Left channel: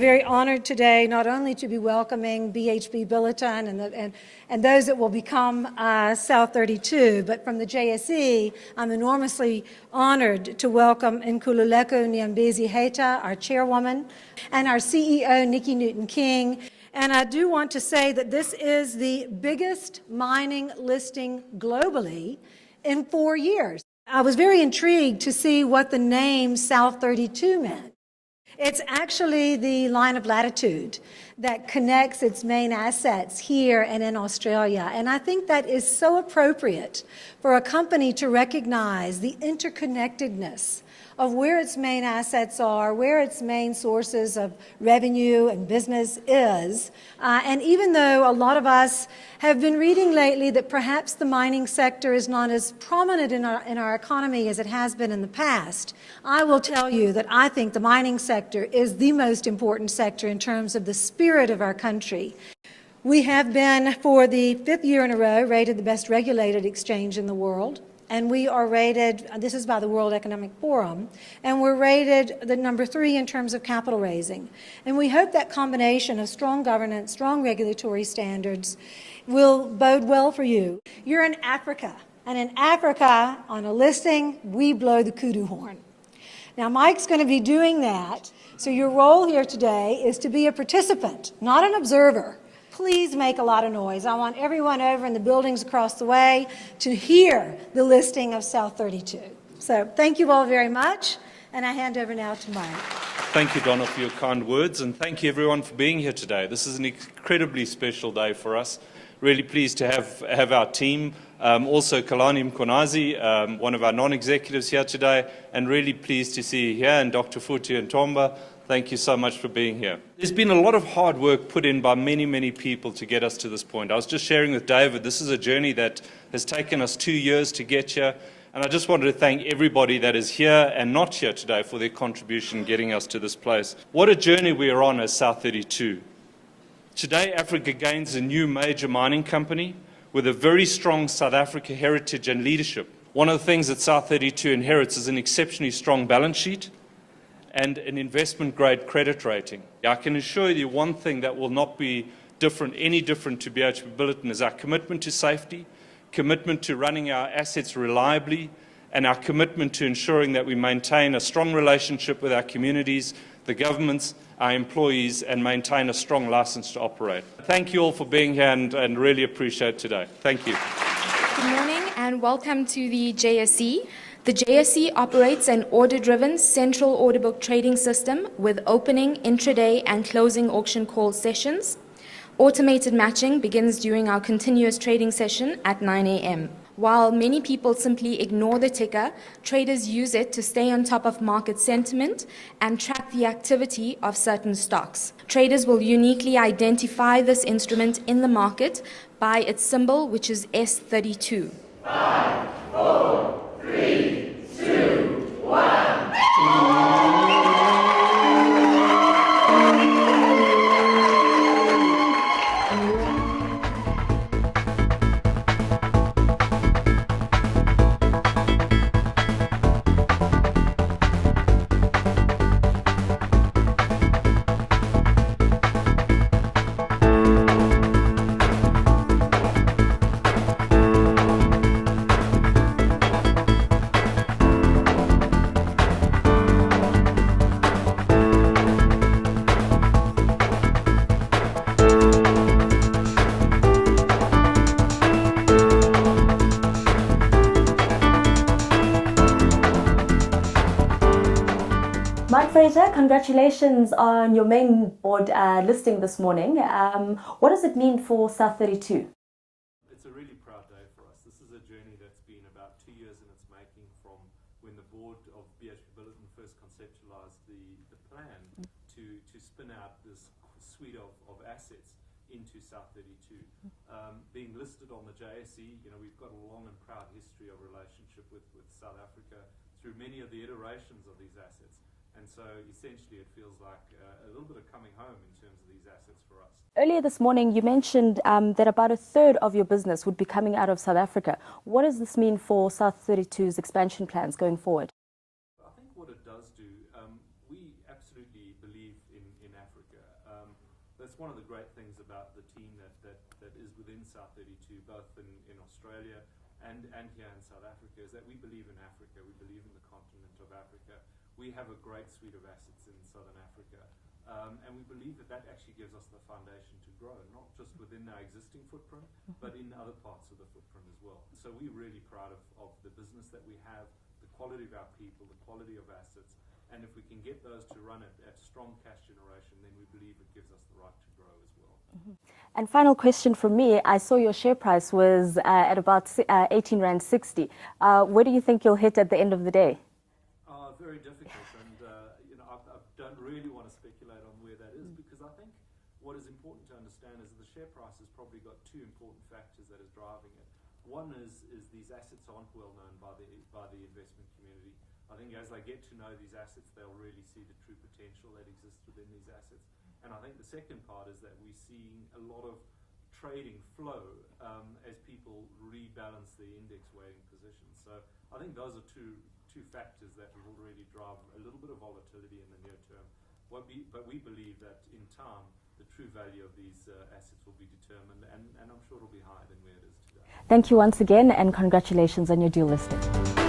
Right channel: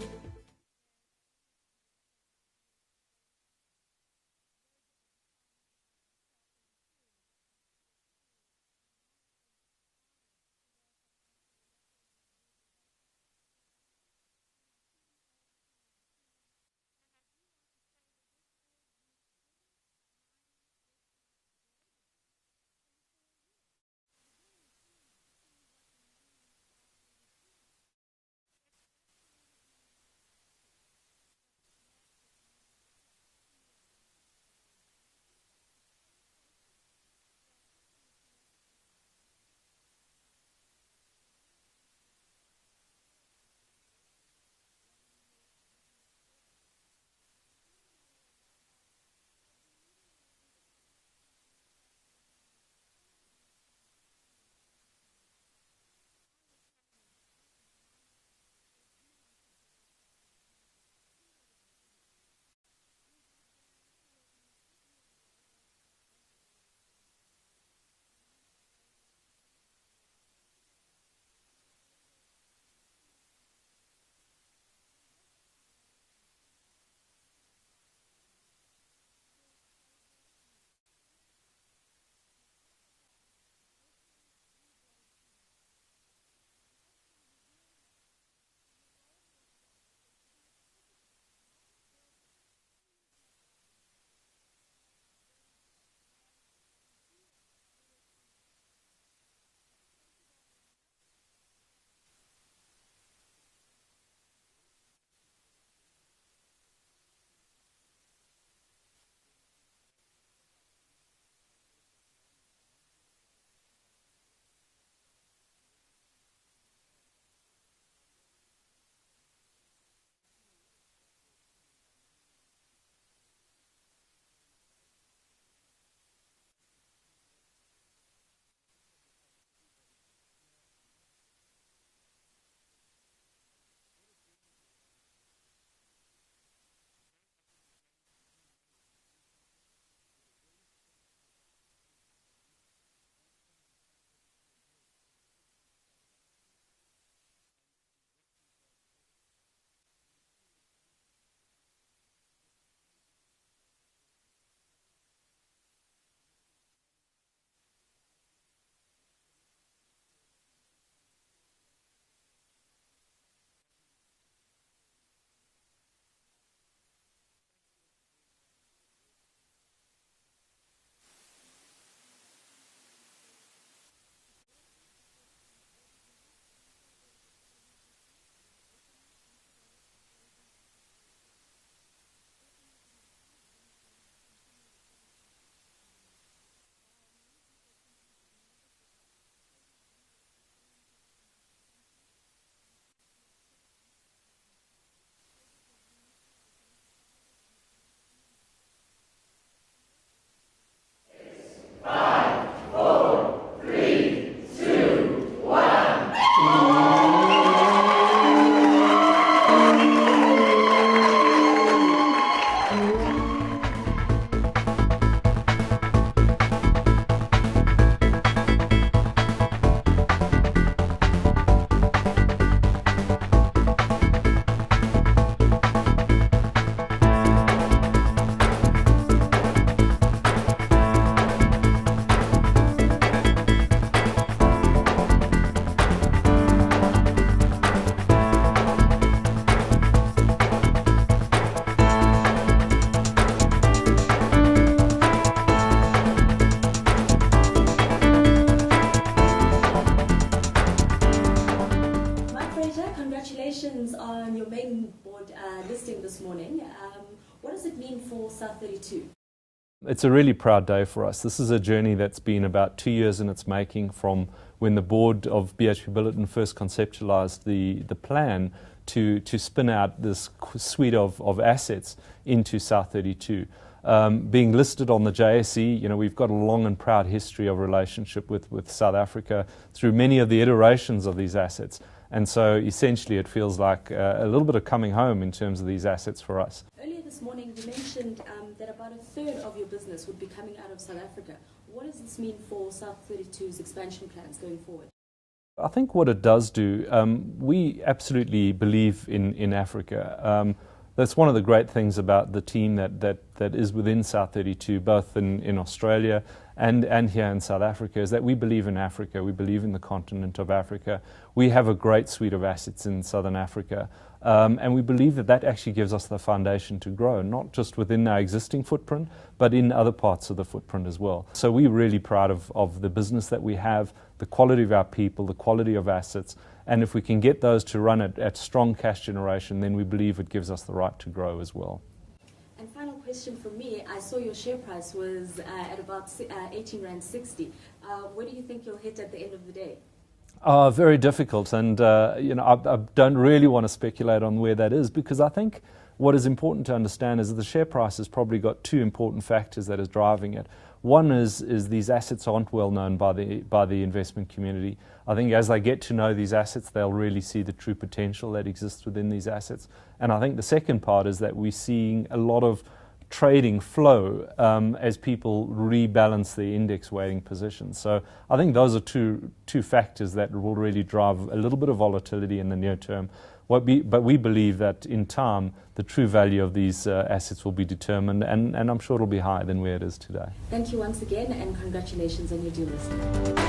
very honored today not only to be welcoming BHP Billiton and those that will become South32, but from the JSE, I'm enormously honored to welcome Nkululeko Nyambezi-Heta, our chairwoman, and our CEO, Nikki Newton-King. And I do want to say that this is the biggest mining listing globally in 4 years. I was very intrigued to see what the name South32 meant. It's actually the line of latitude that connects its main assets here and in Australia. And I think that is so appropriate for a company to recognize the interconnectedness of where its main assets are, where its main sources of revenue and business is. And even though a lot of us have been reading lately that perhaps the mining sector is not as prominent in our economy as it has been in the past, I will tell you that I think the mining sector is the most important sector in terms of the spirit of our country. We have been, for the 5th year in a row, rated the best regulated exchange in the world. And we are rated, this is by the World Economic Forum, and we're rated the number 3 in terms of capital raising. And we hope that combination of strong governance, strong regulatory standards will bode well for you. You're in Africa, and in Africa, on a listing, we blow the kudu horn. Now, Mike's going to be doing that, so your role here today is to be a participant, not an observer. Please make a lot of noise. I want everyone over in the buildings across the way to hear the listing of South32. So thank you all very much, and I hand over now to Mike. Thank you, Donna, for your kind words, and thank you everyone for being here today. This is an incredibly special day for us. Really pleased to have our team. Also Kalani Mkonazi, one of our non-executives here today, and really pleased to see you here, and Dr. Futi and Tomba. Thank you so much for being here. There's been a lot of hard work put in by many, many people to get us to this point. I was just sharing with David, this is a journey that has taken us 2 years to get here, and I just wanted to thank everybody that is here and not here today for their contribution in getting us to this place. What a journey we are on as South32. Today, Africa gains a new major mining company with a very strong South Africa heritage and leadership. One of the things that South32 inherits is an exceptionally strong balance sheet and an investment-grade credit rating. I can assure you one thing that will not be any different to BHP Billiton is our commitment to safety, commitment to running our assets reliably, and our commitment to ensuring that we maintain a strong relationship with our communities, the governments, our employees, and maintain a strong license to operate. Thank you all for being here and really appreciate today. Thank you. Good morning and welcome to the JSE. The JSE operates an order-driven central order book trading system with opening, intraday and closing auction call sessions. Automated matching begins during our continuous trading session at 9 a.m. While many people simply ignore the ticker, traders use it to stay on top of market sentiment and track the activity of certain stocks. Traders will uniquely identify this instrument in the market by its symbol, which is S32. 5, 4, 3, 2, 1. Congratulations on your main board listing this morning. What does it mean for South32? It's a really proud day for us. This is a journey that's been about 2 years in its making from when the board of BHP Billiton first conceptualized the plan to spin out this suite of assets into South32. Being listed on the JSE, we've got a long and proud history of relationship with South Africa through many of the iterations of these assets. And so essentially it feels like a little bit of coming home in terms of these assets for us. Earlier this morning you mentioned that about 1/3 of your business would be coming out of South Africa. What does this mean for South32's expansion plans going forward? I think what it does do, we absolutely believe in Africa. That's one of the great things about the team that is within South32, both in Australia and here in South Africa, is that we believe in Africa. We believe in the continent of Africa. We have a great suite of assets in Southern Africa. And we believe that actually gives us the foundation to grow, not just within our existing footprint, but in other parts of the footprint as well. So we're really proud of the business that we have, the quality of our people, the quality of assets, and if we can get those to run at strong cash generation, then we believe it gives us the right to grow as well. And final question from me, I saw your share price was at about 18.60 Rand. Where do you think you'll hit at the end of the day? Very difficult, and I don't really want to speculate on where that is, because I think what is important to understand is that the share price has probably got two important factors that is driving it. One is these assets aren't well known by the investment community. I think as they get to know these assets, they'll really see the true potential that exists within these assets. And I think the second part is that we're seeing a lot of trading flow as people rebalance their index weighting positions. So I think those are two factors that will really drive a little bit of volatility in the near term. But we believe that in time, the true value of these assets will be determined, and I'm sure it'll be higher than where it is today. Thank you once again, and congratulations on your dual listing.